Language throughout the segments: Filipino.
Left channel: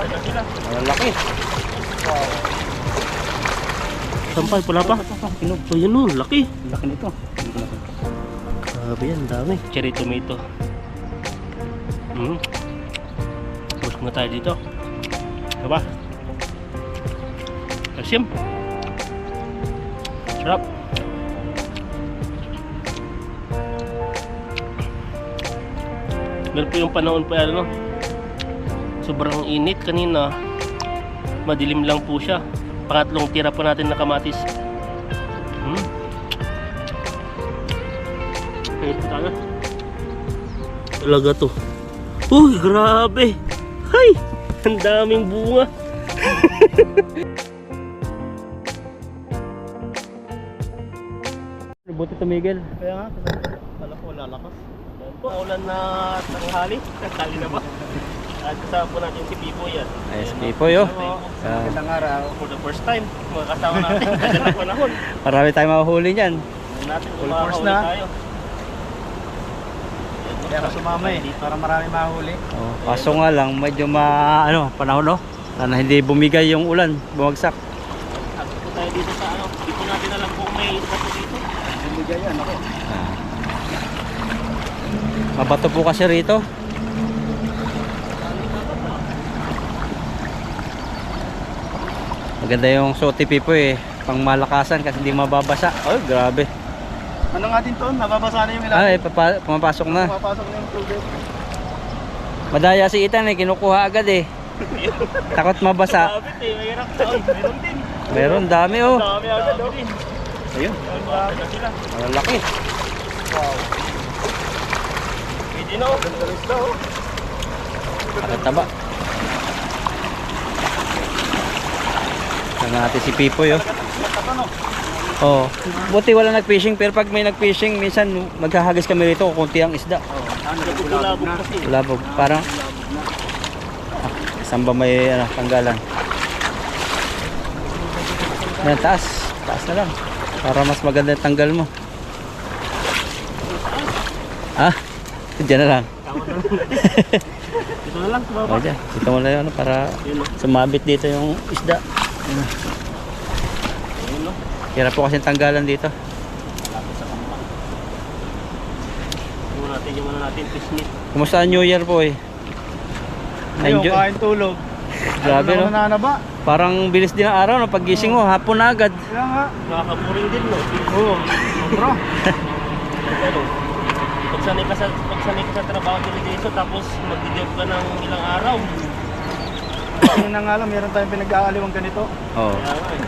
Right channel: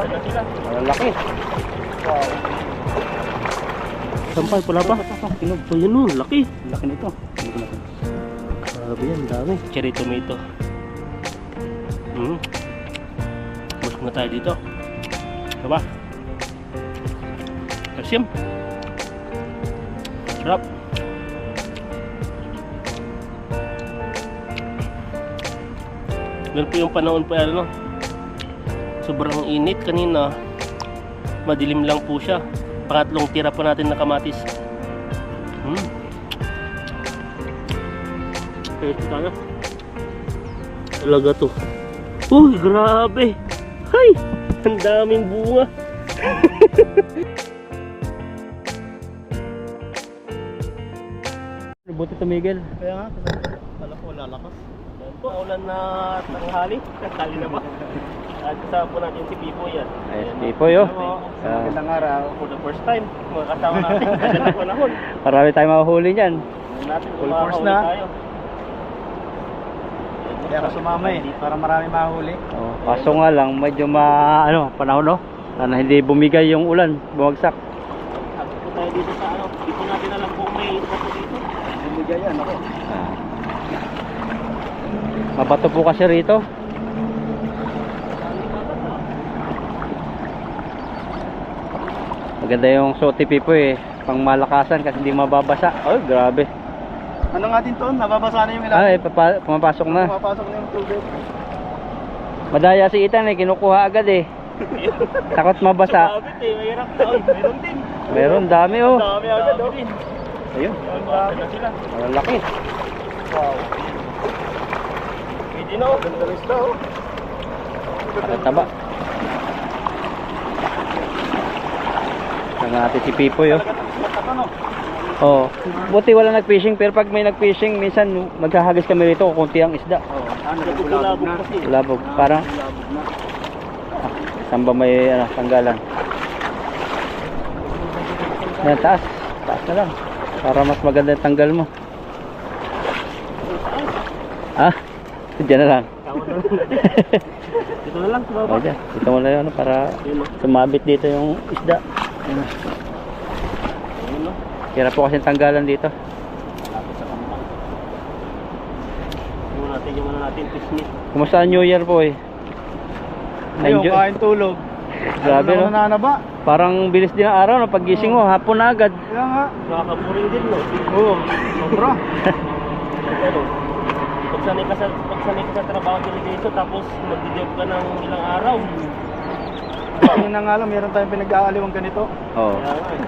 Ang laki. Wow. Sampal, pala pa. Kinog. So yun o, laki. Laki nito. Grabe yan, dami. Cherry tomato. Busog na tayo dito. Diba? Asim. Sarap. Meron po yung panahon po ano, sobrang init kanina. Madilim lang po siya. Pangatlong tira po natin na kamatis. Ito talaga. Talaga to. Uy, grabe. Hay! Ang daming bunga. Buti tumigil. Kaya nga, alam ko lalakas. Yan po, ulan na tanghali. Tanghali na ba? At kasama po natin si Pipoy yan. Ay, si Pipoy oh. Magandang araw. For the first time, makakasama natin. Magandang panahon. Marami tayong mahuhuli niyan. Natin, Full force na. tayo. Kaya ako sumama eh, para marami mahuli. Oh, kaso nga lang, medyo panahon no? Sana hindi bumigay yung ulan, bumagsak. Ako po tayo dito sa ano, di po natin alam kung may bato dito. Bumigay yan ako. Mabato po kasi rito. Maganda yung suot ni Pipoy eh, pang malakasan kasi hindi mababasa. Oh, grabe. Ano nga din to? Nababasa na yung ilalim. Ay, pumapasok na. Pumapasok na yung tubig. Madaya si Ethan eh, kinukuha agad eh. Takot mabasa. Sabit eh, mahirap doon. Meron din. Meron, dami oh. Dami agad oh. Ayun, Dami na sila. ang laki. Wow. Pwede na oh. Ganda rin ito oh. Ang taba. Tingnan natin si Pipoy oh. Matapa no? Oh, buti wala nag-fishing pero pag may nag-fishing minsan maghahagis kami rito kung konti ang isda. Oo. Kulabog kasi. Labog, parang saan ba may tanggalan? Yan, taas na lang para mas maganda yung tanggal mo. Ah, dyan na lang. Dito na lang, tumaba. O dyan, dito mo na yun para sumabit dito yung isda. Ayun no. Hirap po kasi tanggalan dito. Malapit sa kampang. Yung natin, fish meat. Kumusta ang New Year po eh? Ayun, kain tulog. Grabe no? Nananaba. Parang bilis din ang araw no? Paggising mo, hapon na agad. Kaya nga. Nakakapuring din no. Oo. Sobra. Pero, pagsanay ka sa trabaho dito tapos magdi-job ka ng ilang araw. Tingnan na nga lang, meron tayong pinag-aaliwang ganito. Oo. Kaya nga eh.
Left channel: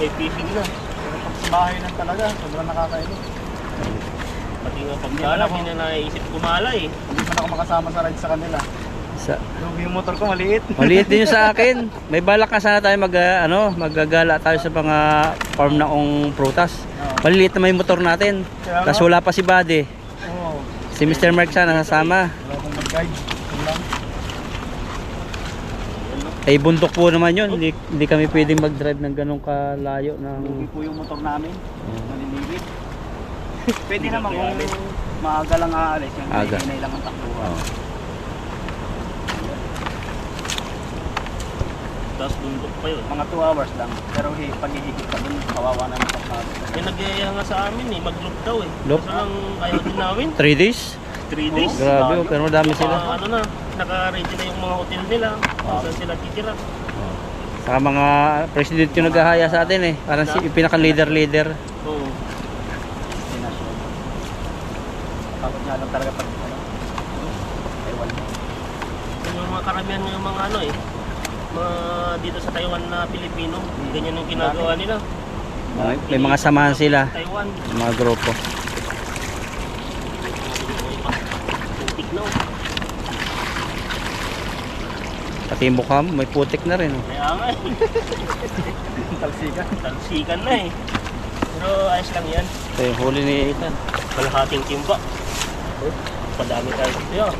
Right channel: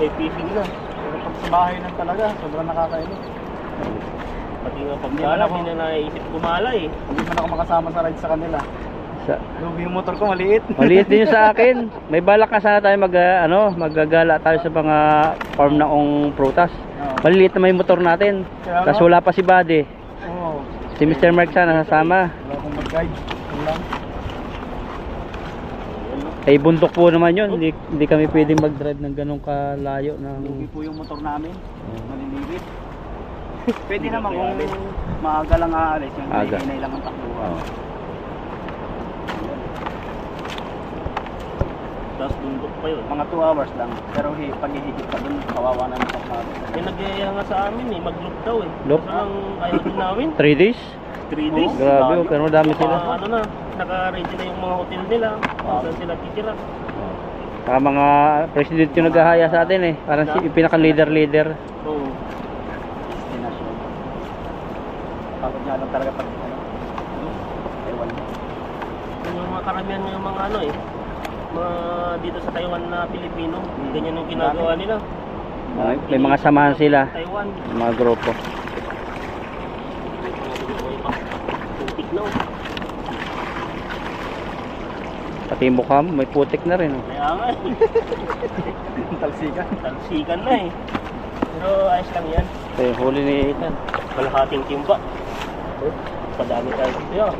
May fishing na. Pero pag sa bahay lang talaga, sobrang nakakainin. Pati nga pagkala, hindi na naisip kumala eh. Hindi man ako makasama sa ride sa kanila. Lugi yung motor ko, maliit. Maliit din yung sa akin. May balak na sana tayo maggagala tayo sa mga farm na prutas. Maliliit na may motor natin. Tapos wala pa si Buddy. Oo. Si Mr. Mark sana nasama. Wala akong mag-guide. Yun lang. Eh bundok po naman yun. Hindi kami pwedeng mag-drive ng ganong kalayo Lugi ng... po yung motor namin. Oo. Maliliit. Pwede naman kung maaga lang aalis. Yung Aga. hinay lang ang takbuhan. Tapos bundok pa yun. Mga 2 hours lang. Pero paghihigit pa dun, kawawa na ng natin. Eh nagyaya nga sa amin eh, mag-loop daw eh. Loop? Kaso lang ayaw din namin. 3 days? 3 days. Grabe, pero madami sila. Ano na, naka-ready na yung mga hotel nila. Kung saan sila titira. Saka mga president yung naghahaya sa atin eh. Parang yung pinaka-leader. Oo. Destination. Pagod nga lang talaga pag Taiwan. Yung mga karamihan ng mga ano eh. Mga dito sa Taiwan na Pilipino. Ganyan yung ginagawa nila. May mga samahan sila. Taiwan. Mga grupo. Putik na oh. Pati yung mukha mo, may putik na rin. Oh. Kaya nga eh. Talsikan. Talsikan na eh. Pero ayos lang yan. Ito yung huli ni Ethan. Kalahating timba. Padami tayo dito yan.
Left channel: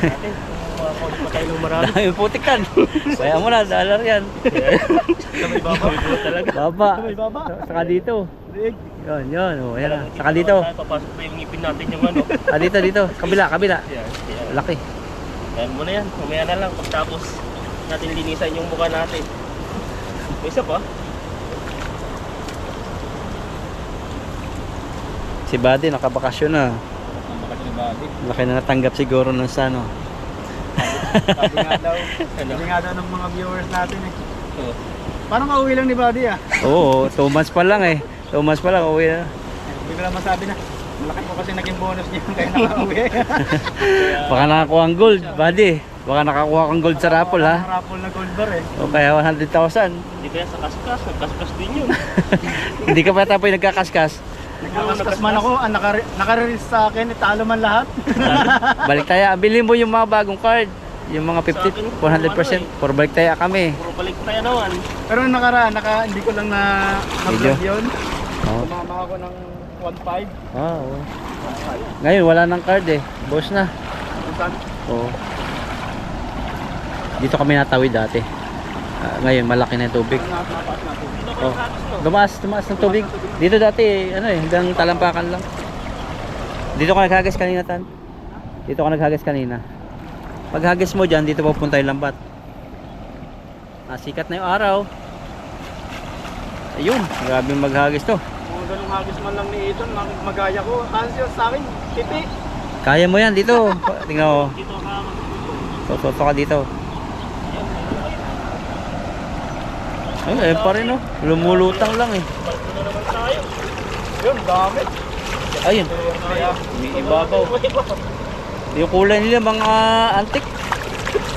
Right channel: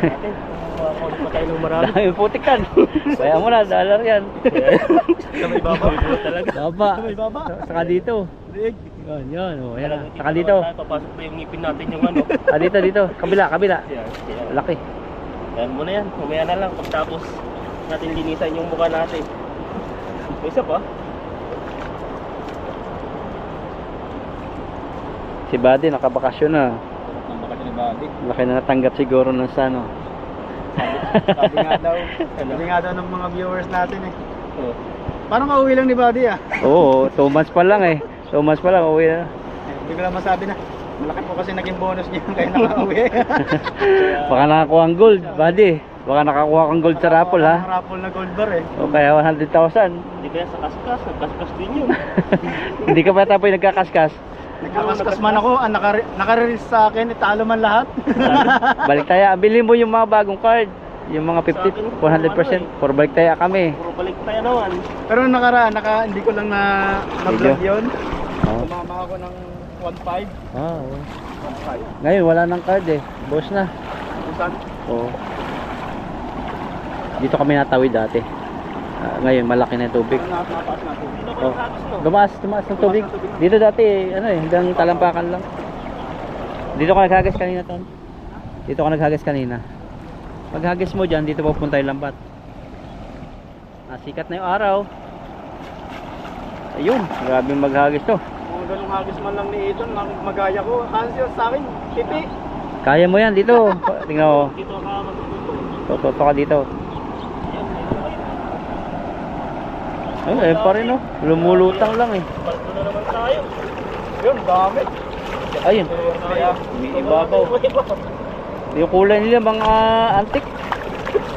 Natin. Makakaulit pa tayo ng marami. Dami yung putik kan. Kaya mo na, dollar yan. Sa may baba. Talaga. Baba. Sa may baba. Saka dito. Rig. Yan. Oh, yan. Talagang Saka dito. Papasok pa yung ngipin natin yung ano. Dito. Kabila. Yan. Laki. Yan mo na yan. Mamaya na lang pagtapos natin linisan yung mukha natin. May isa pa. Si Buddy nakabakasyon na. Ang baka ni Buddy. Laki na natanggap siguro ng sano. Sabi nga daw ng mga viewers natin eh. Oh. Parang kauwi lang ni Buddy ah. Oo, 2 months pa lang eh. 2 months pa lang, uwi na. Hindi ko lang masabi na. Malaki po kasi naging bonus niya kaya nakauwi. Baka nakakuha ang gold, Buddy. Baka nakakuha kang gold sa raffle ha. Ang raffle na gold bar eh. O kaya 100,000. Hindi kaya sa kaskas. Nagkaskas din yun. Hindi ka pa tapoy nagkakaskas. Nagkakaskas man ako, naka-release sa akin, italo man lahat. Balik tayo, bilhin mo yung mga bagong card. Yung mga Sa akin, 50, 100%. For balik tayo kami. Puro balik tayo naman. Pero nakaraan, hindi ko lang na-vlog yun. Oh. Tumama ako ng 1.5. Ah, oo. Ngayon wala nang card eh. Boss na. Saan? Oo. Dito kami natawid dati. Ngayon malaki na yung tubig. Napaas na ito. Dito Oh. ko tapos no. Tumaas ng tubig. Dito dati ano eh, hanggang talampakan lang. Dito ka naghagas kanina tan. Dito ka naghagas kanina. Paghagis mo diyan, dito pupunta yung lambat. Sikat na yung araw. Ayun, grabe maghagis to. Kung ganung hagis man lang ni Ethan, magaya ko. Ansyo sa akin, pipi. Kaya mo yan dito. Tingnan mo. Dito ka magtutunan. Toto ka dito. Ay, pa rin oh. Lumulutang lang eh. Palto na naman tayo. Yun, dami. Ayun. Kaya, ibabaw. Yung kulay nila mga antique.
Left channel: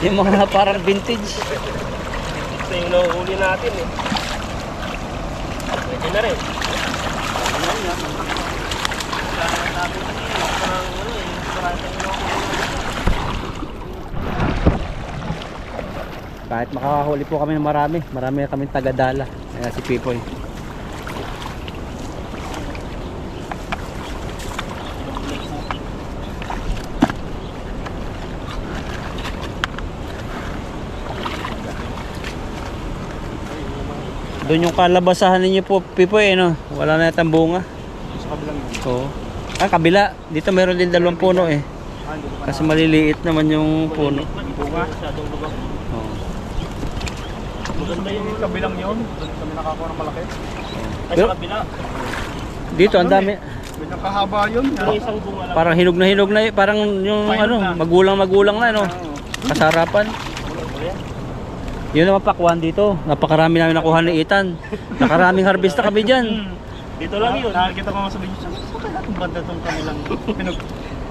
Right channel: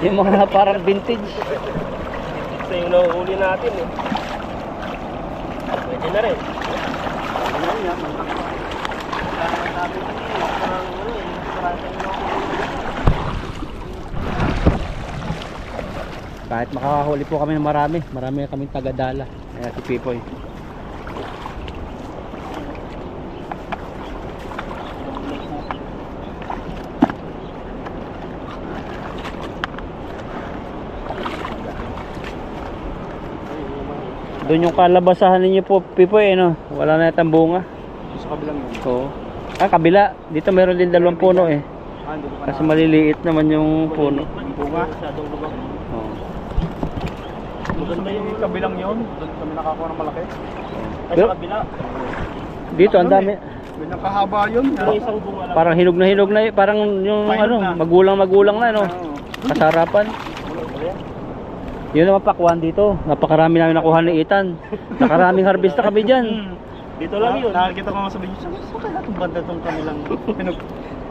Yung mga parang vintage. Ito yung nahuhuli natin eh. Pwede na rin. Kahit makakahuli po kami ng marami. Marami na kaming tagadala. Ayan si Pipoy. Doon yung kalabasahan ninyo po, Pipoy, no? Wala na yatang bunga. Sa kabilang yun. Oo. Kabila. Dito meron din 2 puno eh. Hindi ko pa Kasi maliliit naman yung puno. Bunga. Masyadong lubak. Oo. Maganda yung kabilang yun. Doon kami nakakuha ng malaki. ay Pero- sa kabila. Dito ang dami. Ganyan kahaba yun. Yung isang bunga lang. Parang hinog na parang yung Pahinog ano, na. magulang na no. Oo. Kasarapan. Yun naman pakwan dito. Napakarami namin nakuha ni Ethan. Nakaraming harvest na kami diyan. Dito lang yun. Nakikita ko nga sa video. Sa kaya itong banda itong kanilang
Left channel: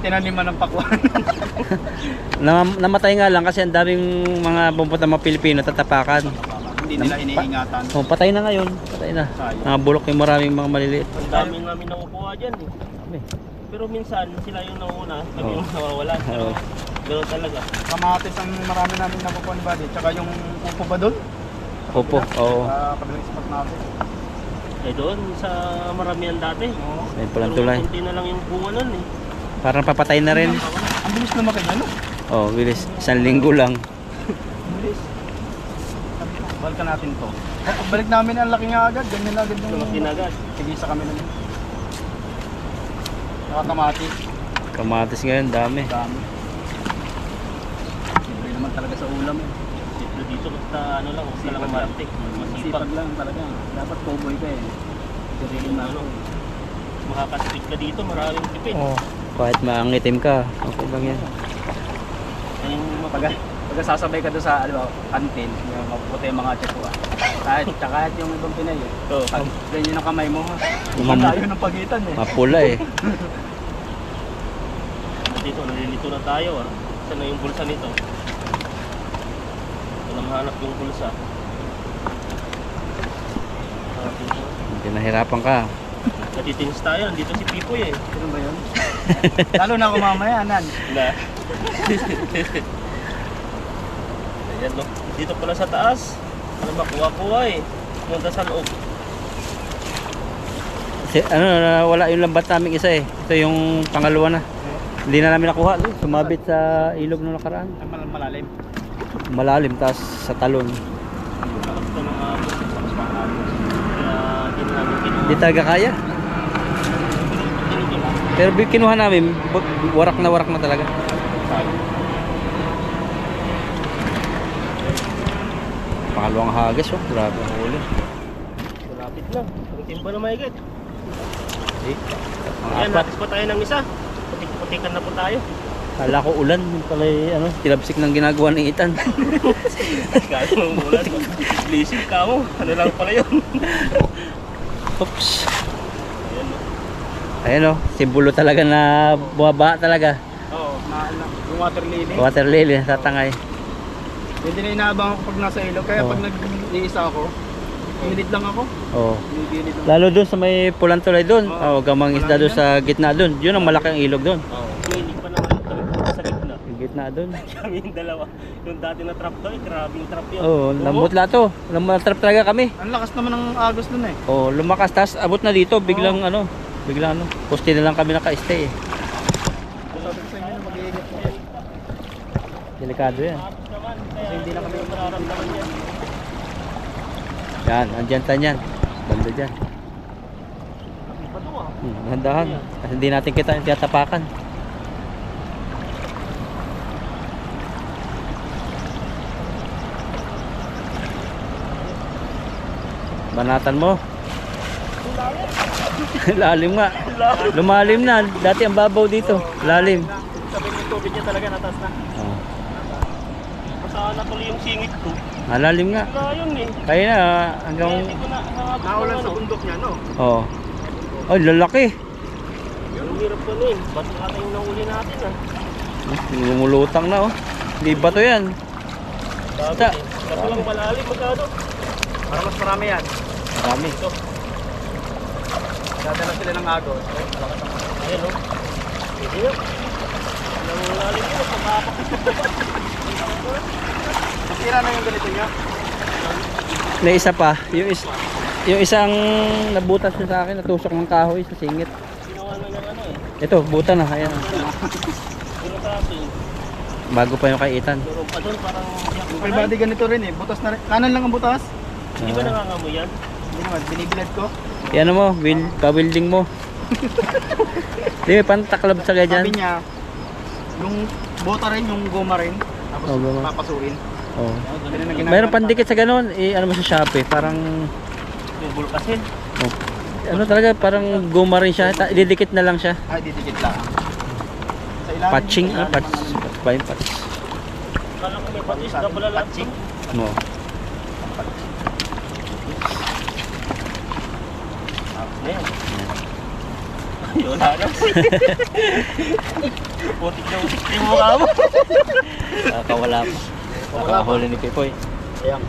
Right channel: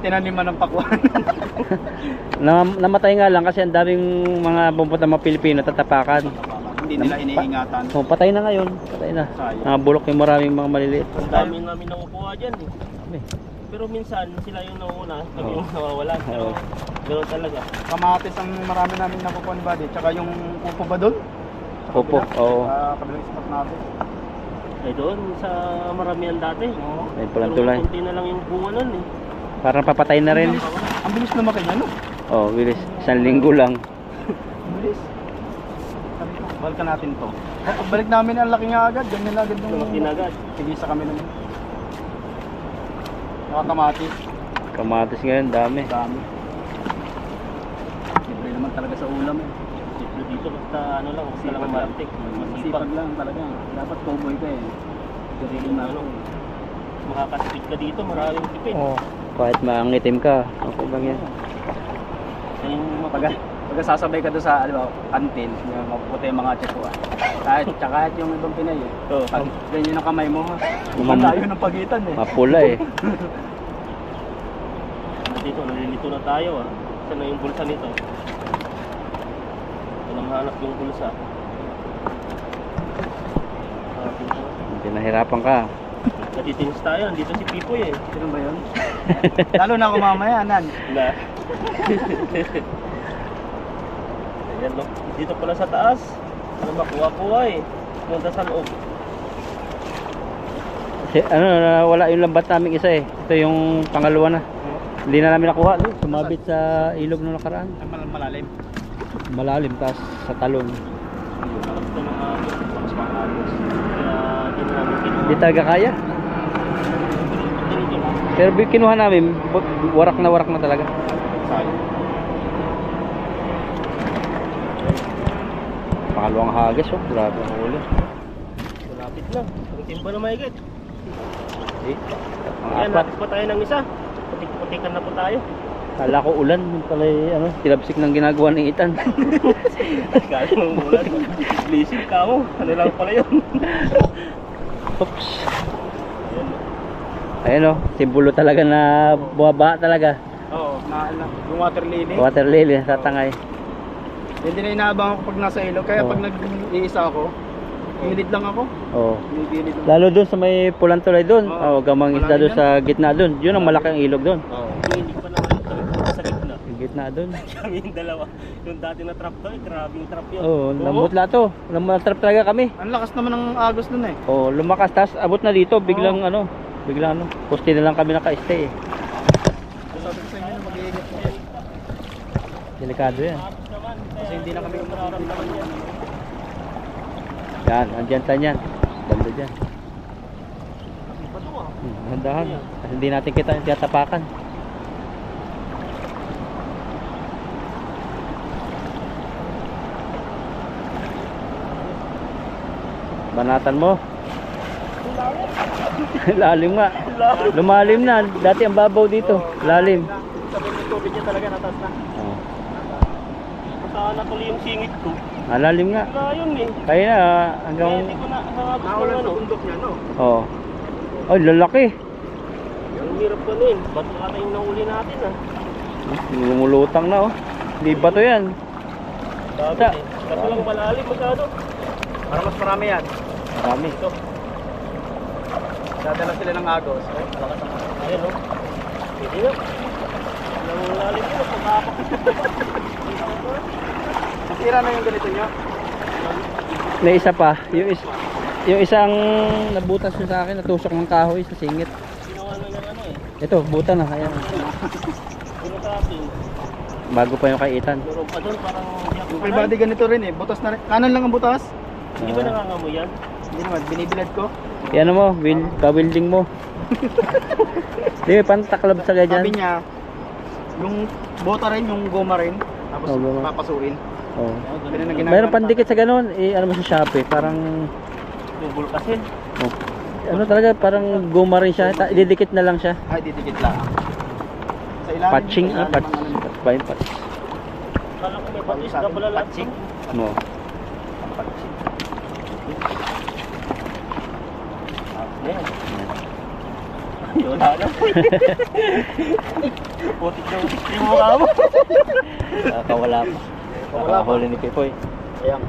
tinaniman ng pakwan. Namatay nga lang kasi ang daming mga pumunta mga Pilipino tatapakan. Hindi nila iniingatan. Oh, patay na ngayon. Patay na. Sayang. Nabulok yung maraming mga maliliit. Ang dami namin nakukuha dyan eh. Kami. Pero minsan sila yung nauna, kami yung nawawala. Pero ganoon talaga. Kamatis ang marami namin nakukuha ni Buddy. Tsaka yung upo ba doon? Opo. Oo. Kabilang spot natin. Eh doon sa maramihan dati. Oo. Ayun palang Pero tulay. kunti na lang yung bunga nun eh. Parang papatay na rin. Ang bilis na makanya, no? Oh, bilis. 1 linggo lang. Ang bilis. Sabi ko, balikan natin to. Pagbalik namin, ang laki nga agad. Ganyan na agad Lumaki na agad. Tigisa kami naman. Nakakamatis. Kamatis ngayon, dami. Dami. Libre naman talaga sa ulam eh. Dito dito basta ano lang, basta lang Sipag matik. Masipag. Masipag lang talaga. Dapat cowboy ka eh. Garilin na ako eh. Makakasipid ka dito, maraming tipid. Oh. Kahit maangitim ka, okay lang yan. Yan yung Pag sasabay ka doon sa kantin, yung mapuputi yung mga tiyako ah. Kahit yung ibang Pinay eh. Oo. Pag ganyan ang kamay mo ha. Mam- Malayo ng pagitan eh. Mapula eh. Dito, nalilito na tayo ah. Saan na yung bulsa nito? Walang hanap yung bulsa. Hanapin ko. Hindi nahirapan ka. Natitinis tayo, nandito si Pipoy eh. Sino ba yun? Lalo na ako mamaya, Nan. Na. Ayan no. Dito pala sa taas. Ano makuha-kuha eh. Pumunta sa loob. Kasi, wala yung lambat namin isa eh. Ito yung pangalawa na. Hindi na namin nakuha. Sumabit sa ilog nung nakaraan. Malalim. Malalim, tapos sa talon. Tapos ito mga mas mahapos. Kaya di na namin kinuha. Hindi talaga kaya. Ganito lang. Pero kinuha namin, warak na talaga. Pangalawang hagis, oh. Grabe ang huli. Malapit na. Ang timba na mahigit. Eh, Ayan, apat. natis pa tayo ng isa. Putik-putikan na po tayo. Kala ko ulan, yung pala ano, tilabsik ng ginagawa ng Itan. Kaya mo ulan. Blessing ka mo. Ano lang pala yun. Oops. Ayan. Ayun oh, simbolo talaga na bumaba talaga. Oo, yung water lily. Water lily, tatangay. Hindi na inaabang ako pag nasa ilog. Kaya Oo. pag nag-iisa ako, gilid lang ako. Oh. Gilid lang. Lalo doon sa may pulang tulay doon. Oo. Oh, gamang isda doon sa gitna doon. Yun ang malaking ilog doon. Oo. Hilig pa naman kami sa gitna. Yung gitna doon. Kami yung dalawa. Yung dati na trap to, grabing trap yun. Oh, lambot lato. Lambot talaga kami. Ang lakas naman ng agos dun eh. Oh, lumakas tas abot na dito, biglang biglang poste na lang kami naka-stay. Sabi ko sa inyo na mag-iingat po kayo. Delikado yan. Kasi hindi na kami mararamdaman yan. Yan, andyan tanyan. Banda dyan. Iba to ah. Handahan. Kasi hindi natin kita tiyatapakan. Banatan mo. Lalim nga. Lumalim na. Dati ang babaw dito. Lalim. Sabi yung tubig niya talaga natas na. Oh. Masana tuloy yung singit ko. Malalim nga. Wala yun eh. Kaya na Kaya hanggang hindi ko na nakabot Naulan ng sa ano. bundok niya, no? oh. Ay, lalaki. Yung hirap ko nun. Ba't ata yung nahuli natin ah. Lumulutang na oh. Di ba to yan? Sabi Sa- eh. Kaso lang malalim magkano. Para mas marami yan. Dami. Ito. Dadala sila ng agos. Lakas ang Ayan o. Hindi na. Walang lalim yun. Pagkapak. Nasira na yung ganito niya. May isa pa. Yung isang nabutas nyo sa akin, natusok ng kahoy sa singit. Ginawa na ng ano eh. Ito, buta na. Ayan. Pero sa atin. Bago pa yung kay Ethan. Meron pa doon parang hindi ako Yung full body ganito rin eh. Butas na rin. Kanan lang ang butas. Hindi ba nangangamoy yan? Hindi naman, binibilad ko. Yan mo, pa-welding mo. Di, pantaklab sa kaya Sabi dyan. niya, yung bota rin, yung goma rin. Tapos Oh, goma. papasuin. Oh. Ganun ang ginagawa Mayroon ng pandikit sa ganun. Ano mo sa Shopee, parang Yung bulkasin. oh. Ano talaga, parang guma rin siya. Ididikit na lang siya. Ay, didikit lang. Sa ilalim. Patching, sa ilalim patch. ang ano nito. Pa yung patch. Kala ko may patis na pala lahat. Patching. No. Ayan. Ay, wala na. Putik na utik yung mukha mo. Kawala pa. Kawala pa. Huli ni Pipoy. Ayan.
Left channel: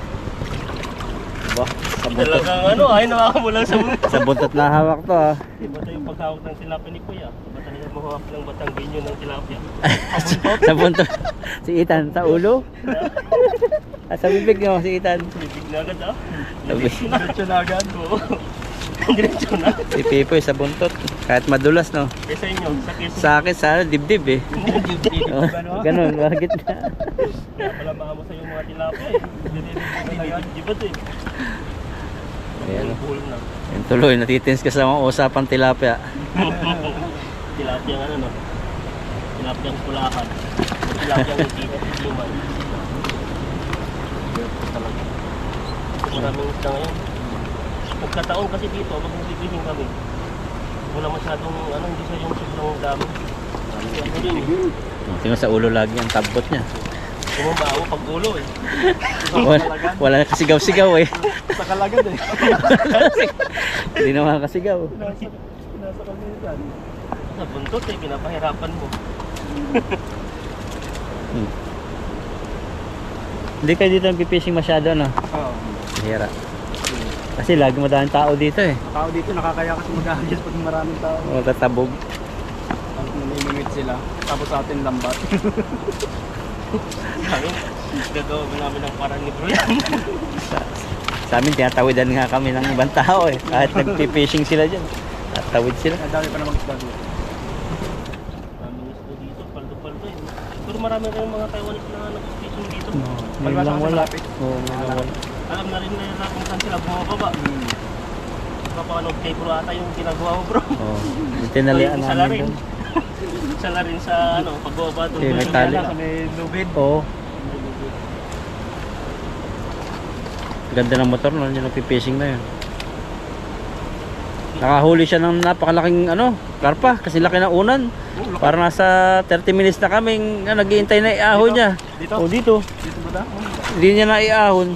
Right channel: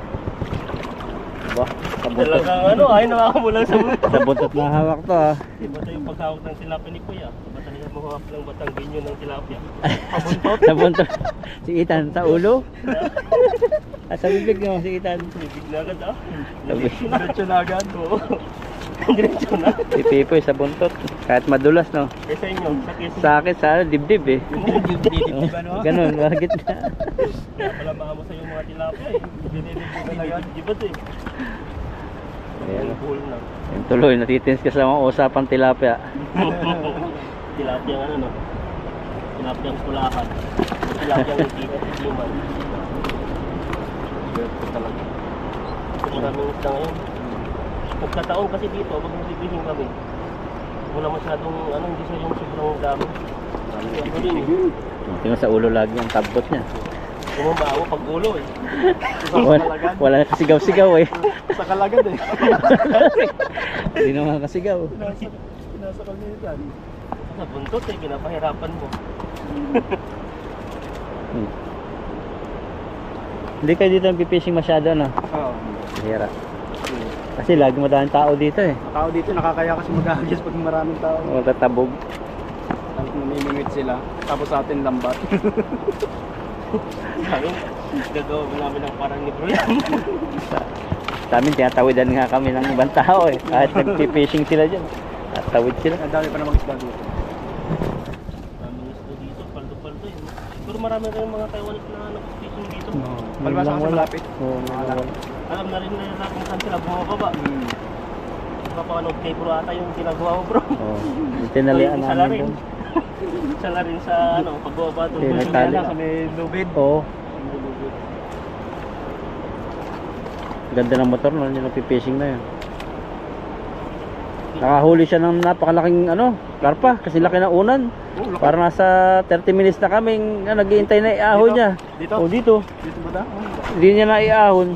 Diba? Sa buntot. Talagang ano, ay nakakamulang sa buntot. Sa buntot na hawak to ah. Iba tayo yung paghawak ng tilapia ni Kuya. Iba tayo yung mahawak ng Batanggenyo ng tilapia. Sa buntot. Si Ethan, sa ulo. Sa bibig niyo, si Ethan. Bibig na agad ah. Diretso na agad. Oo. Diretso na. Si Pipoy sa buntot. Kahit madulas no. Eh sa inyo, sa Quezon. Sa akin, sa dibdib eh. Didikit Oh, ano? ganun, bakit na? Kaya pala maamo sa yung mga tilapia eh. Dinidibad eh. Ayan. Bull na. Yung tuloy, natitins ka sa mga usapang tilapia. Tilapia ang ano no. Tilapia ang pulakan. Tilapia ang itiman. Ito talaga. Maraming isda ngayon. Pagkataon kasi dito, pag nagbibihing kami, wala masyadong, ano, hindi siya yung sobrang dami. Kasi ano din eh. Tingnan sa ulo lagi ang tabot niya. Bumabawa pag ulo eh. Wala na kasigaw-sigaw eh. Sa kalagad eh. Hindi naman kasigaw. Nasa kalinitan. Sa buntot eh, pinapahirapan mo. Hmm. Hindi kayo dito nagpipishing masyado no? Oo. Hira. Kasi lagi madaming tao dito eh. Ang tao dito nakakaya kasi mag-ahagis pag maraming tao. Matatabog. Tapos namimingwit sila. Tapos sa atin lambat. Kami, gagawa namin ng parang ni Bro yan. Sa amin, tinatawidan nga kami ng ibang tao eh. Kahit nagpipishing sila dyan. Tatawid sila. Ang dami pa namang isda dito. Maraming isda dito, paldo-paldo eh. Pero marami kayong mga Taiwanese na nag-fishing dito. Ngayon lang wala. malapit. Oo, ngayon lang wala. Alam na rin na kung saan sila bumababa. Papanood kay Bro ata yung ginagawa mo Bro. Oo. Yung tinalian Sa namin larin. doon. Sa larin sa ano, pagbababa doon. Okay, may tali. Sa may lubid. Oo. Ganda ng motor no, yung nagpipishing na yun. Nakahuli siya ng napakalaking karpa kasi laki ng unan. Para nasa 30 minutes na kaming naghihintay na iahon niya. Dito? O dito. Dito ba ta? Hindi niya na iahon.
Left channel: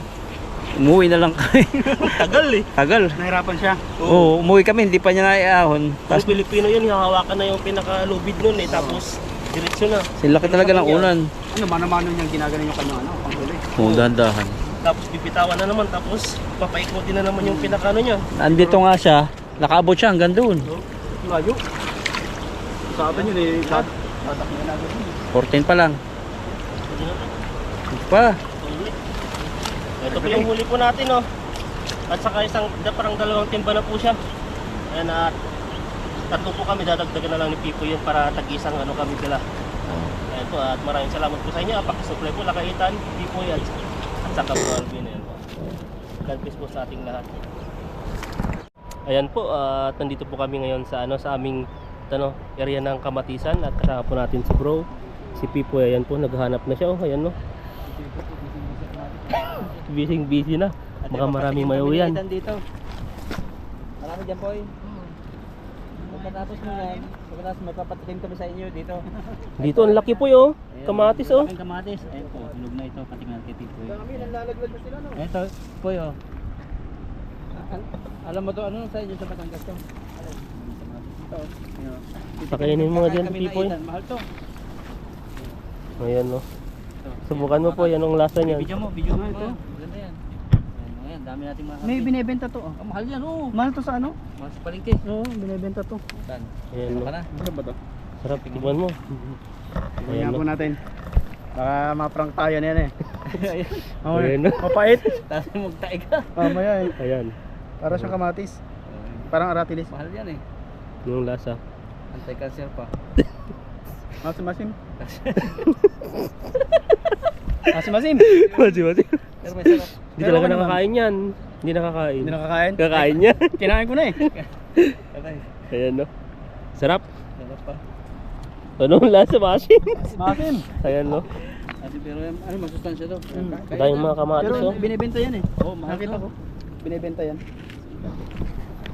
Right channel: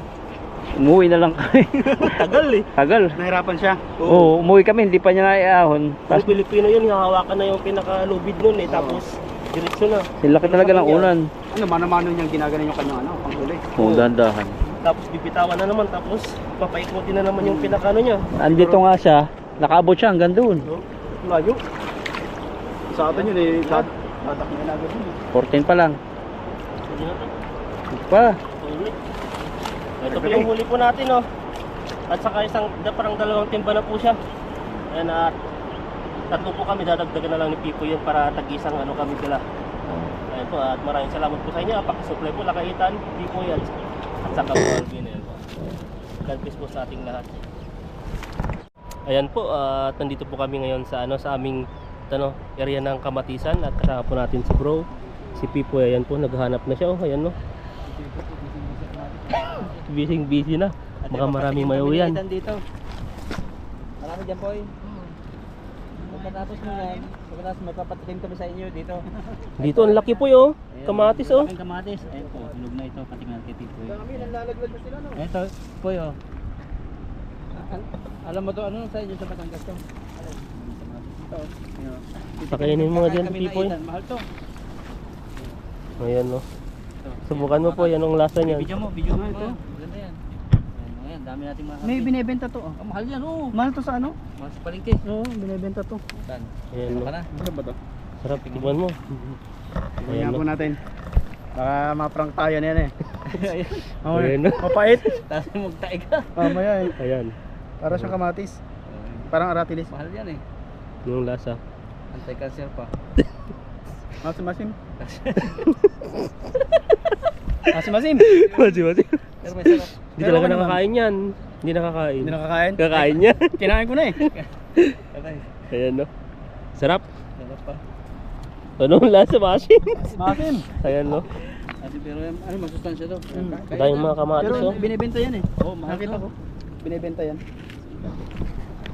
Umuwi na lang kami. Tagal eh. Tagal. Nahirapan siya. Oo, umuwi kami, hindi pa niya na iahon. Ang Pilipino yun, hahawakan na yung pinaka-lubid nun eh. Tapos, diretso na. Silaki talaga ng unan. Ano, mano-mano niyang ginaganon yung kanyang panghuli. Oo, dahan-dahan. Tapos bibitawan na naman. Tapos, papaikutin na naman yung pinaka-ano niya. Andito nga siya, nakaabot siya hanggang doon. Layo. Sa atin yun eh, tatak na agad yun. 14 pa lang. Hindi na to. Ito pa. Huli. Ito po yung huli po natin, oh. At saka parang dalawang timba na po siya. Ayan, at tatlo po kami, dadagdagan na lang ni Pipo yun para tag-isang kami dala. Ayan po, at maraming salamat po sa inyo. Pakisupply po, Lakaitan, Pipo yan. At saka po, Alvin, ayan po. God bless po sa ating lahat. Ayan po, at nandito po kami ngayon sa sa aming area ng Kamatisan, at kasama po natin si bro, si Pipo. Ayan po, naghahanap na siya, oh. Ayan, no. Busy na. Baka maraming mayaw yan. Dito. Marami dyan po eh. Pagkatapos mo yan, pagkatapos magpapatikim kami sa inyo dito. Dito ang laki po yo. Kamatis oh. Ang kamatis. Ayun po, tulog na ito, patingnan kay Tito. Dami, nalalaglag na sila no? Ito po yo. Alam mo to, ano sa inyo sa Batangas to? Ito. Pakainin mo nga dyan, Pipo. Mahal to. Ayan no. Subukan mo po, yan ang lasa niyan. Video mo ito. Ganda yan. Ayan, dami nating mga. May binebenta to oh. Mahal yan oh. Mahal to sa ano? Mas palengke. Oo, binebenta to. Saan? Ayan no. Ka na? Ano ba to? Sarap, tikman mo. Ayan Ayan po no. natin. Baka ma-prank tayo na yan eh. Ayan no. Mapait. Tapos magtae ka. Mamaya eh. Ayan. Para siyang kamatis. Parang aratilis. Mahal yan eh. Yung lasa. Anti-cancer pa. Masim. Masim. Mati. Pero may sarap. Hindi talaga nakakain yan. Hindi nakakain. Hindi nakakain? Kakain niya. Kinain ko na eh. Patay. Ayan no. Sarap. Sarap pa. Anong lasa, Masin? Masim. Ayan no. Pero ano masustansya to? Dahil mga kamatis Pero oh. binebenta yan eh. Oo, mahal Nakita to. ko. Binebenta yan.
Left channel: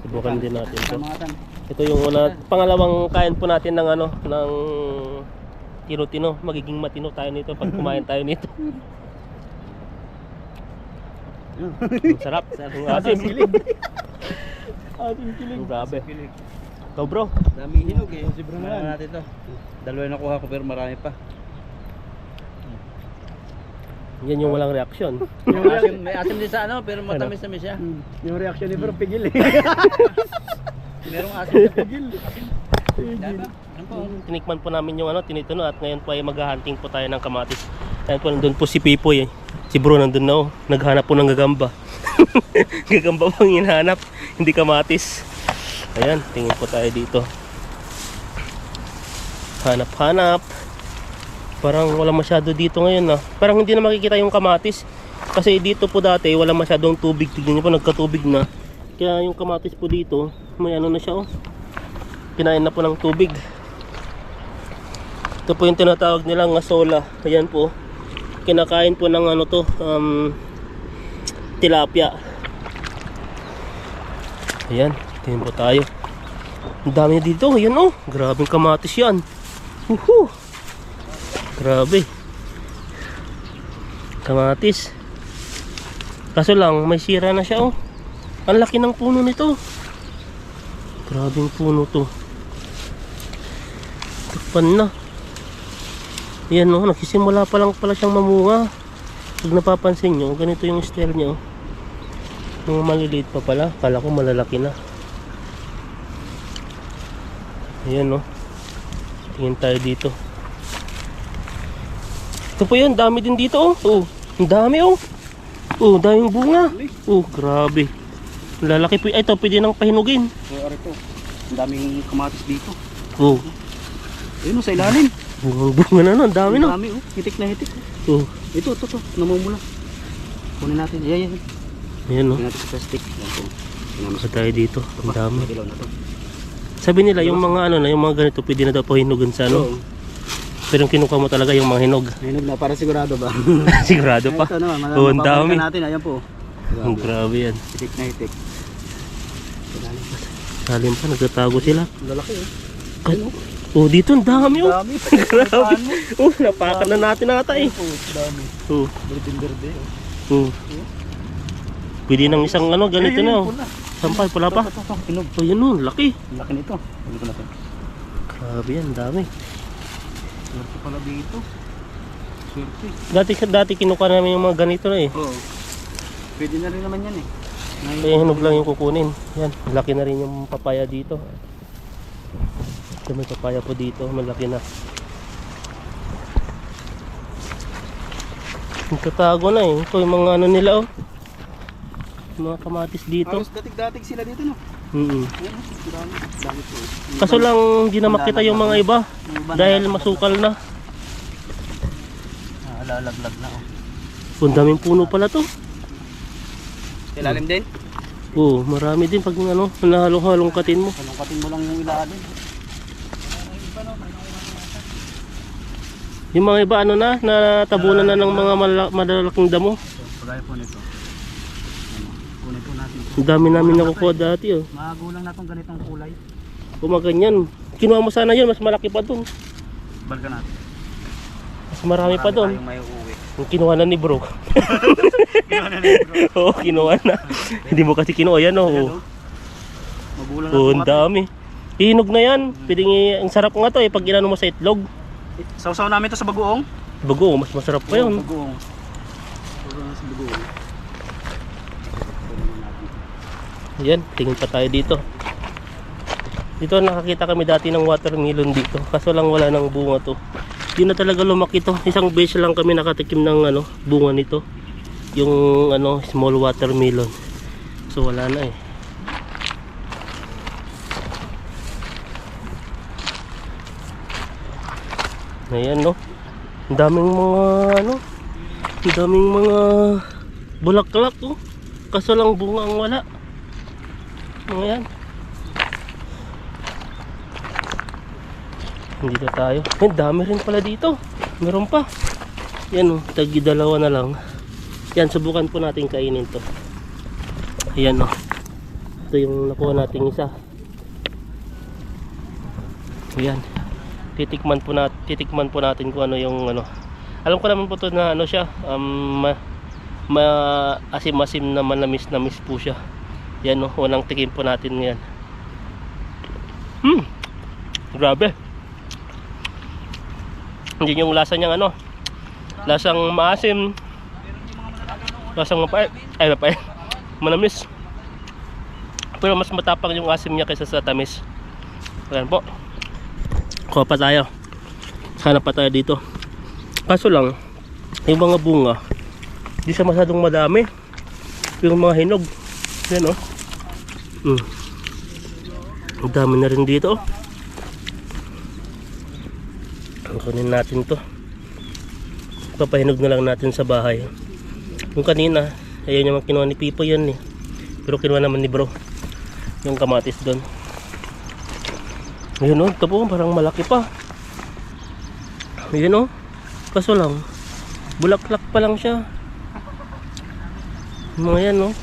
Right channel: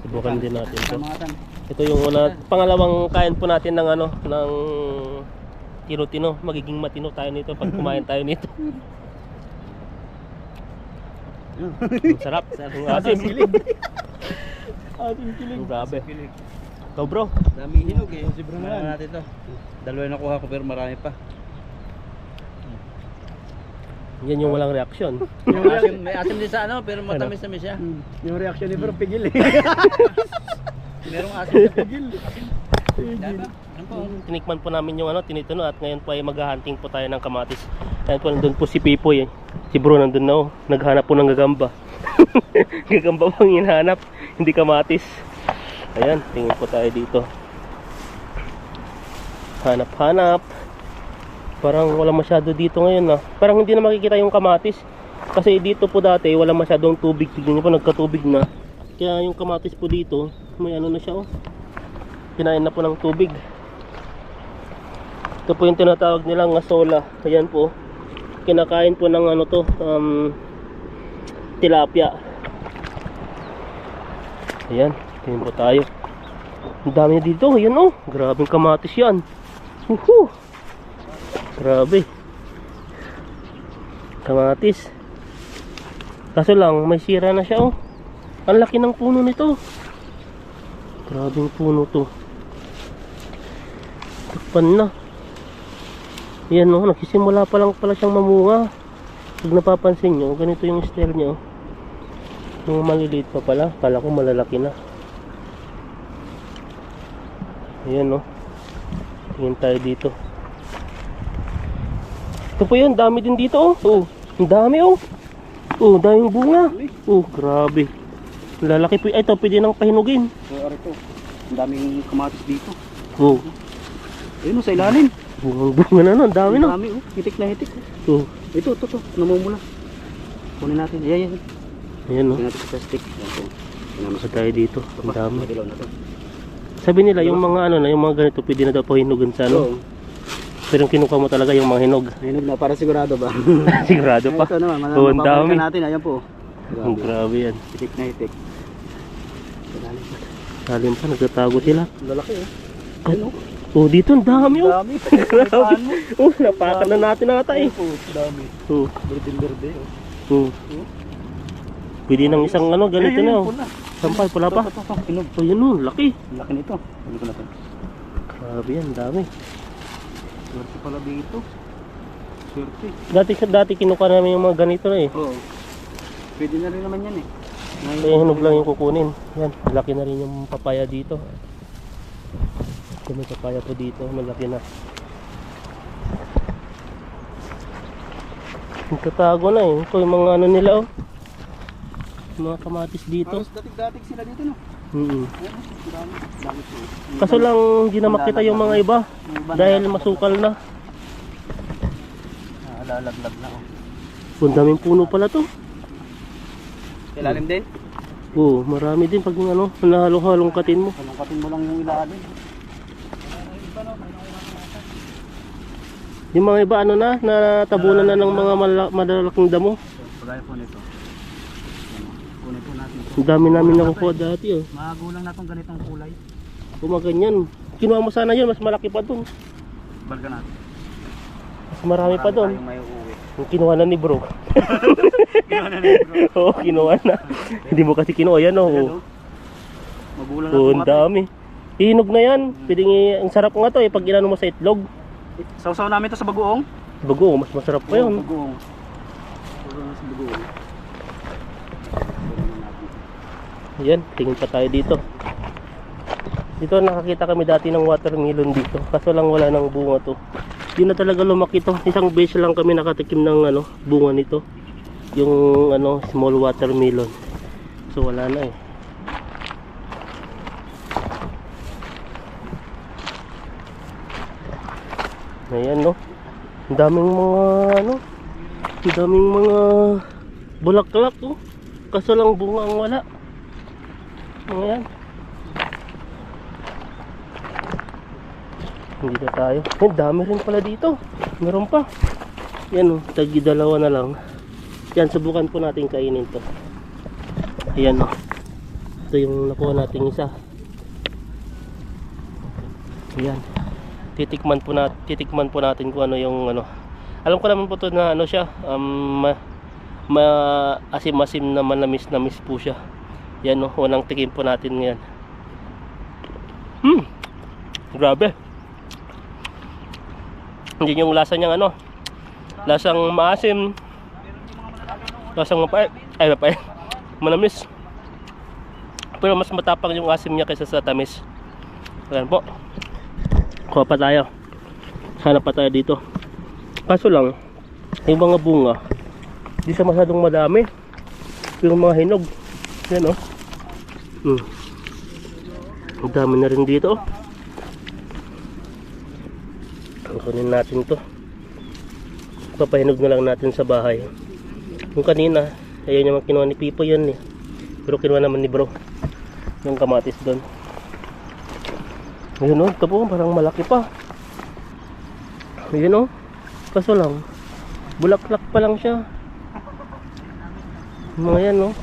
Subukan din natin to. Kamatan. Ito yung pangalawang kain po natin ng ng tino-tino. Magiging matino tayo nito pag kumain tayo nito. Ang sarap. Ang asim. Ating kilig. Grabe. Ikaw bro. Dami hinog eh. Libre na Ano yan. natin to? Dalawa yung nakuha ko pero marami pa. Yan yung walang reaksyon. May asim din sa pero matamis-tamis siya. Yung reaction ni Bro, pigil eh. Merong asim sa pagil. Tinikman po namin yung tinitino at ngayon po ay maghahunting po tayo ng kamatis. Ayan po, nandun po si Pipoy eh. Si bro nandun na oh. Naghanap po ng gagamba. Gagamba po ang hinahanap, hindi kamatis. Ayan, tingin po tayo dito. Hanap-hanap. Parang wala masyado dito ngayon ah. Parang hindi na makikita yung kamatis. Kasi dito po dati wala masyadong tubig. Tignan niyo po, nagkatubig na. Kaya yung kamatis po dito, may na siya oh. Kinain na po ng tubig. Ito po yung tinatawag nilang asola. Ayan po. Kinakain po ng tilapia. Ayan, tingin po tayo. Ang dami dito. Ayan oh. Grabing kamatis yan. Woohoo! Grabe. Kamatis. Kaso lang, may sira na siya oh. Ang laki ng puno nito. Grabing puno to. Takpan na. Yan oh, nagsisimula pa lang pala siyang mamunga. Pag napapansin nyo, ganito yung style niya oh. Yung maliliit pa pala, kala ko malalaki na. Ayan oh. Tingin tayo dito. Ito po yun, dami din dito oh. Oh, ang dami oh. Oh, daming bunga. Oh, grabe. Lalaki po. Ay, ito pwede nang pahinugin. So, arito. Ang daming kamatis dito. Oh, Ayun, sa ilalim. bunga na no, ang dami no. Ang dami, oh. Hitik na hitik. Oh, Ito, namumula. Kunin natin. Ayan. ayan no. Kunin natin sa stick. Ayan po. Pinamas Basta tayo dito. Ang dami. Madilaw na to. Sabi nila yung mga yung mga ganito pwede na daw pahinugan sa Oo. Pero yung kinuha mo talaga yung mga hinog. Hinog na, para sigurado ba? Sigurado pa. Ito naman, Oo, ang mapapalitan dami. natin. Ayan po. Grabe yan. Hitik na hitik. Salim pa, nagtatago sila. Lalaki eh. Ano? Oh, dito ang dami oh. Dami. Grabe. Oh, napakan na natin ata eh. Dami. Oh. Berde. Oh. Pwede ng isang ano, ganito na oh. Sampal, pula pa. Inog. Oh, yun oh, laki. Laki nito. Ano ko na to? Grabe yan, dami. Swerte pala dito. Swerte. Dati kinuha namin yung mga ganito na eh. Oo. Pwede na rin naman yan eh. Kaya hinog lang yung kukunin. Yan, laki na rin yung papaya dito. So, may papaya po dito, malaki na. Nagtatago na eh. Ito yung mga ano nila oh. Mga kamatis dito. Halos datig-datig sila dito no? Dami po. Kaso lang hindi na makita yung mga iba. Dahil masukal na. Lalaglag na oh. Ang daming puno pala to. Ilalim din? Oo, marami din pag ano, nahalong-halong katin mo. Halongkatin mo lang yung ilalim. Yung mga iba ano na, natabunan na ng mga malalaking damo. Pagaya po nito. Kunin po natin ito. Ang dami namin nakukuha dati oh. Magulang na itong ganitong kulay. Kumaganyan. Kinuha mo sana yun, mas malaki pa dun. Balga natin. Mas marami pa dun. Tayong may uuwi. Yung kinuha na ni bro. Kinuha na rin bro. Oo, kinuha na. Hindi mo kasi kinuha yan oh. Ayan, oh. Magulang na Oo, itong ang mga to. dami. Hinog na yan. Pwedeng ang sarap nga to eh pag inano mo sa itlog. Sausaw namin ito sa bagoong. Bago, mas masarap pa yun. Bagoong. Sausaw na sa bagoong. Yan, tingin pa tayo dito. Dito nakakita kami dati ng watermelon dito. Kaso lang wala nang bunga to. Di na talaga lumaki to. Isang beses lang kami nakatikim ng ano, bunga nito. Yung ano, small watermelon. So wala na eh. Ayan no. Ang daming mga ano, ang daming mga bulaklak oh. Kaso lang bunga ang wala. Ayan. Hindi na tayo. Ang dami rin pala dito. Meron pa. Yan oh, tagi dalawa na lang. Yan, subukan po natin kainin to. Ayan oh. Ito yung nakuha nating isa. Ayan. Titikman po natin kung ano yung ano. Alam ko naman po to na ano siya, asim-asim na manamis po siya. Yan oh, unang tikim po natin ngayon. Grabe. Hindi yung lasa niyang ano, lasang maasim, lasang mapait, manamis. Pero mas matapang yung asim niya kaysa sa tamis. Ayan po. Kuha pa tayo. Hanap pa tayo dito. Kaso lang, yung mga bunga, di siya masyadong madami. Yung mga hinog. Yan oh. Ang dami na rin dito oh. Kunin natin to. Papahinog na lang natin sa bahay. Yung kanina, ayun yung kinuha ni Pipo yan eh. Pero kinuha naman ni bro yung kamatis doon. Ayun oh, ito po parang malaki pa. Ayun oh. Kaso lang, bulaklak pa lang siya. Mga yan oh.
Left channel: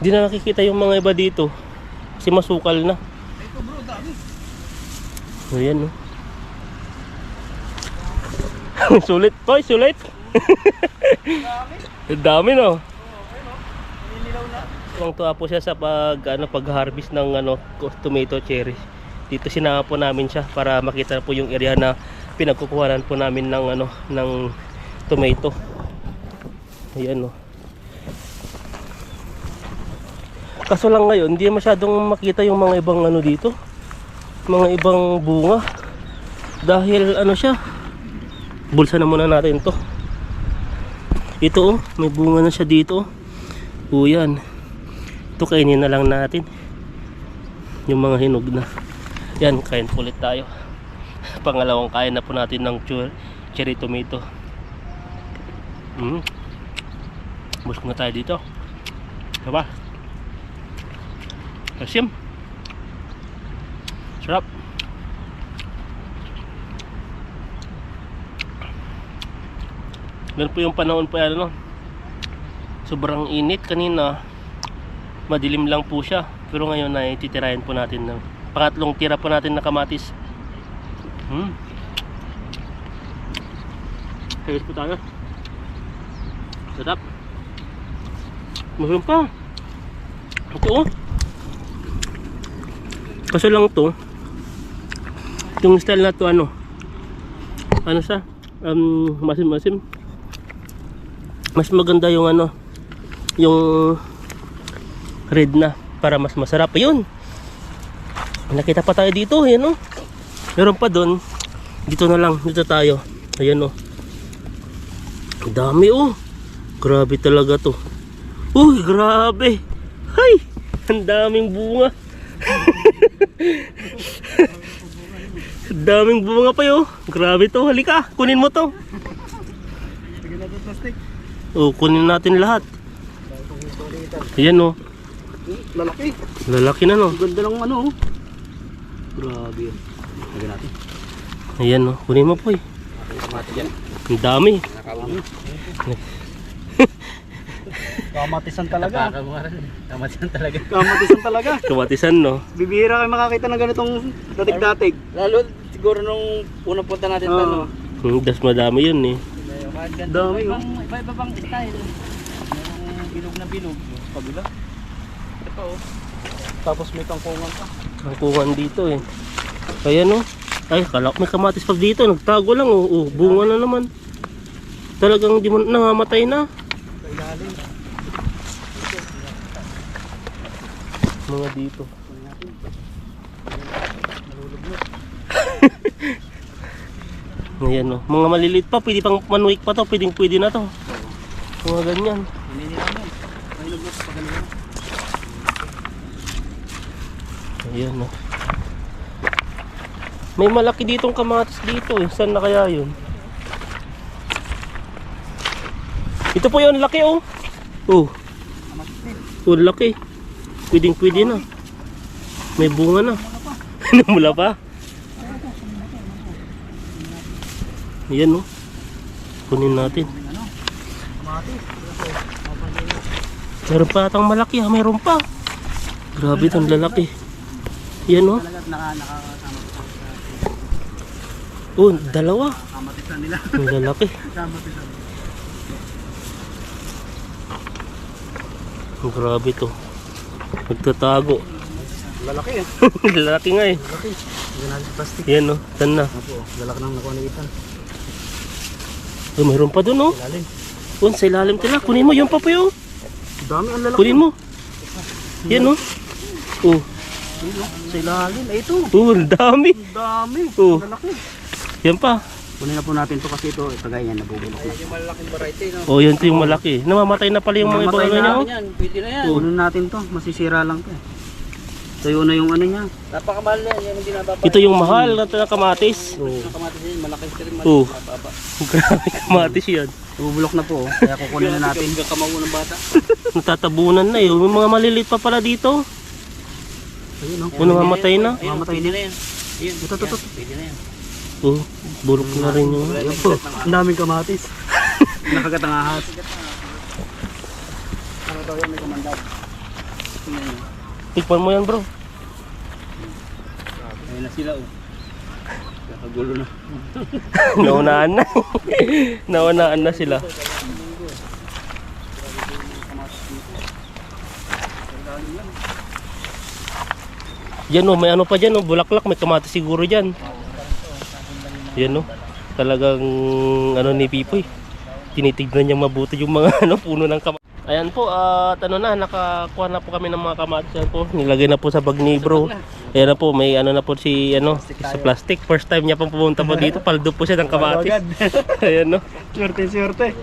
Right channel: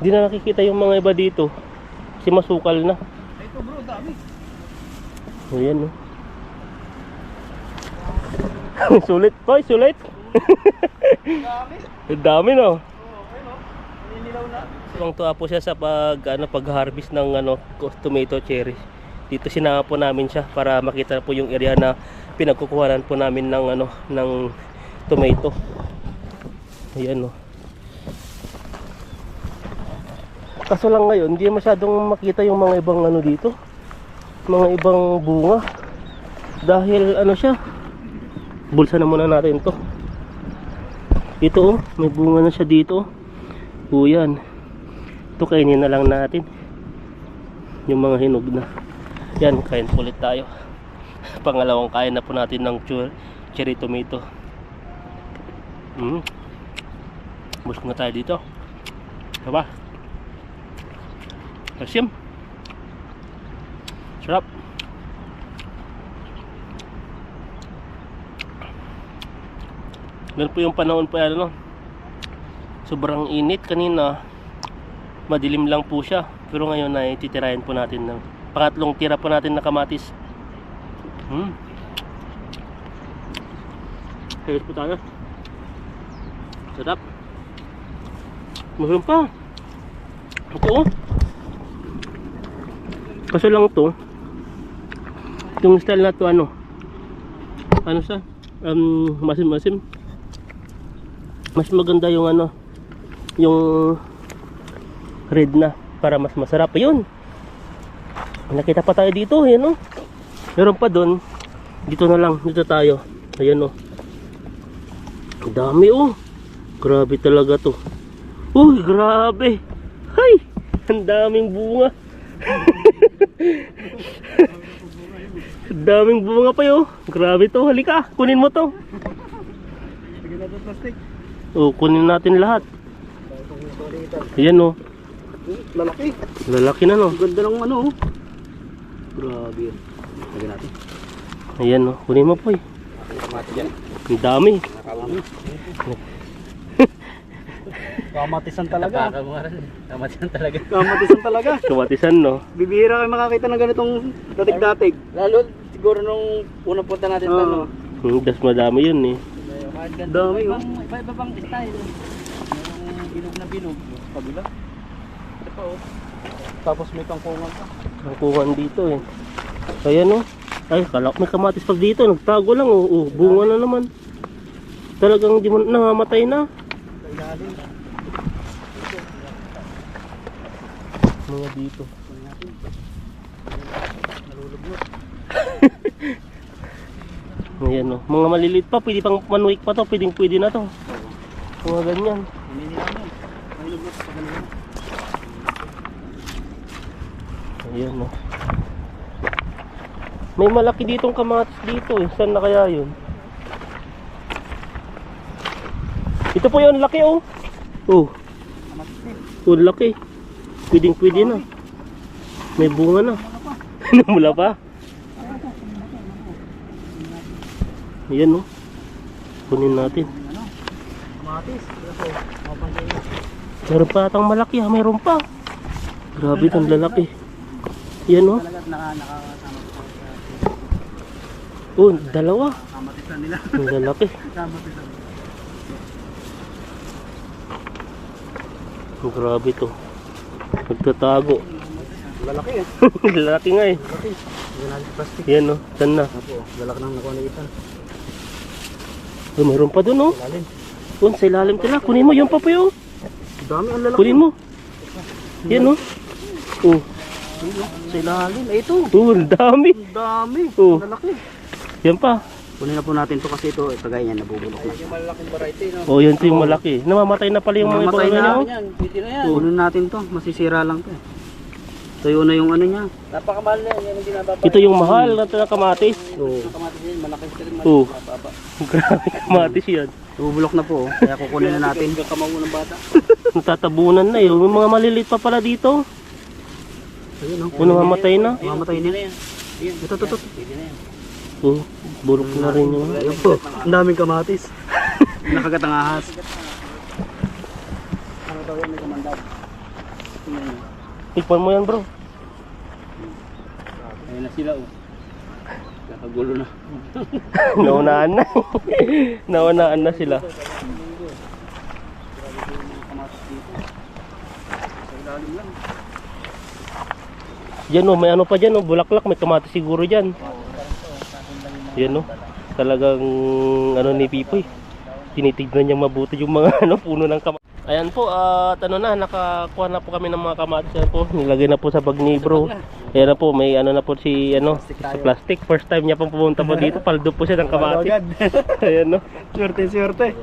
Hindi na nakikita yung mga iba dito kasi masukal na. Ito bro, dami. Ayan oh. Sulit toy, sulit. Dami. Dami no. Nililaw na. Tuwang-tuwa po siya sa pag-harvest ng tomato cherry. Dito sinama po namin siya para makita po yung area na pinagkukuhanan po namin ng ng tomato. Ayan oh. Kaso lang ngayon, hindi masyadong makita yung mga ibang dito. Mga ibang bunga. Dahil siya. Bulsa na muna natin to. Ito oh, may bunga na siya dito. Oh, yan. Ito kainin na lang natin. Yung mga hinog na. Yan, kain ulit tayo. Pangalawang kain na po natin ng cherry tomato. Busog na tayo dito. Diba? Asim. Sarap. Meron po yung panahon pa yan Sobrang init kanina. Madilim lang po siya. Pero ngayon ay titirahin po natin ng pangatlong tira po natin na kamatis. Ayos po tayo. Sarap. Masarap pa. Ito oh. Kaso lang to, yung style na to ano siya, masim-masim. Mas maganda yung ano, yung red na para mas masarap. Ayun, nakita pa tayo dito, ayan o. Meron pa doon. Dito na lang, dito tayo. Ayan o, dami o. Grabe talaga to. Uy, grabe. Hay, ang daming bunga. Daming bunga pa yo. Grabe to, halika, kunin mo to. Oh, kunin natin lahat. Ayan oh. Lalaki. Lalaki na no. Ganda ng ano. Grabe yan. Lagyan natin. Ayan oh, kunin mo po eh. Ang dami. Kamatisan talaga. Kamatisan talaga. Kamatisan talaga. Kamatisan no. Bibihira kayo makakita ng ganitong datig-datig. Lalo siguro nung unang punta natin Oo. Das madami yun eh. Dami oh. Iba-iba bang style. Merong bilog na bilog. Kabila. Ito pa oh. Tapos may kangkungan pa. Kangkungan dito eh. Kaya no. Ay, kalak may kamatis pag dito. Nagtago lang oh. Oh, bunga na naman. Talagang di mo nangamatay na. Mga dito. Ayan o. Mga maliliit pa. Pwede pang manuik pa to. Pwede na to. Mga ganyan. Ayan o. May malaki ditong kamatis dito eh. Saan na kaya yun? Ito po yun. Laki oh. Oh. Oh, laki. Pwede na. May bunga na. Namula pa. Ayan o. Kunin natin. Meron pa atang malaki ha. Meron pa. Grabe itong lalaki. Ayan o. Oh, dalawa. Kamatisan nila. Ang lalaki. Kamatisan. Oh, grabe to. Nagtatago. Lalaki eh. Lalaki nga eh. Lalaki. Yan natin plastic. Ayan o. Saan na? Opo, lalaki nang nakuha na itan. Oh, mayroon pa dun oh. Lalim. Doon sa ilalim tila. Kunin mo yung pa yung. Dami ang lalaki. Kunin mo. Yan oh. Oh. Sa ilalim. Eh ito. Oh, ang dami. Ang dami. Oh. Lalaki. Yan pa. Kunin na po natin to kasi ito pagay yan nabubulok na. Yung malaking variety no. Oh, yun to yung malaki. Namamatay na pala yung mga Namamatay ibang na. ganyan. Yan, pwede na yan. Kunin natin to, masisira lang to eh. Tuyo na yung ano niya. Napakamahal yan, yan ang binababa. Ito yung mahal na kamatis. Oo. Kamatis yan, malaki rin, Oh. mababa. Grabe kamatis yan. Nabubulok na po oh. Kaya kukunin na natin. Kamaw ng bata. Tatabunan na eh. May mga maliliit pa pala dito. Ayun oh. Kung namamatay na. Mamatay na. yan. Ito. Pwede na yan. Oh, burok na rin yung. Ayun po. Ang daming kamatis. Nakagat ang ahas. Ano daw yan may kamandag. Tikman mo yan bro. Ayun na sila oh. Nakagulo na. Naunaan na. Naunaan na sila. Yan o, may ano pa dyan o, bulaklak, may kamatis siguro dyan. Yan o, talagang ano ni Pipoy. Tinitignan niya mabuti yung mga ano, puno ng kamatis. Ayan po, at ano na, nakakuha na po kami ng mga kamatis. Yan po, nilagay na po sa bag ni bro. Ayan na po, may ano na po si ano, sa plastic. First time niya pong pumunta po dito, paldo po siya ng kamatis. Ayan no. Swerte.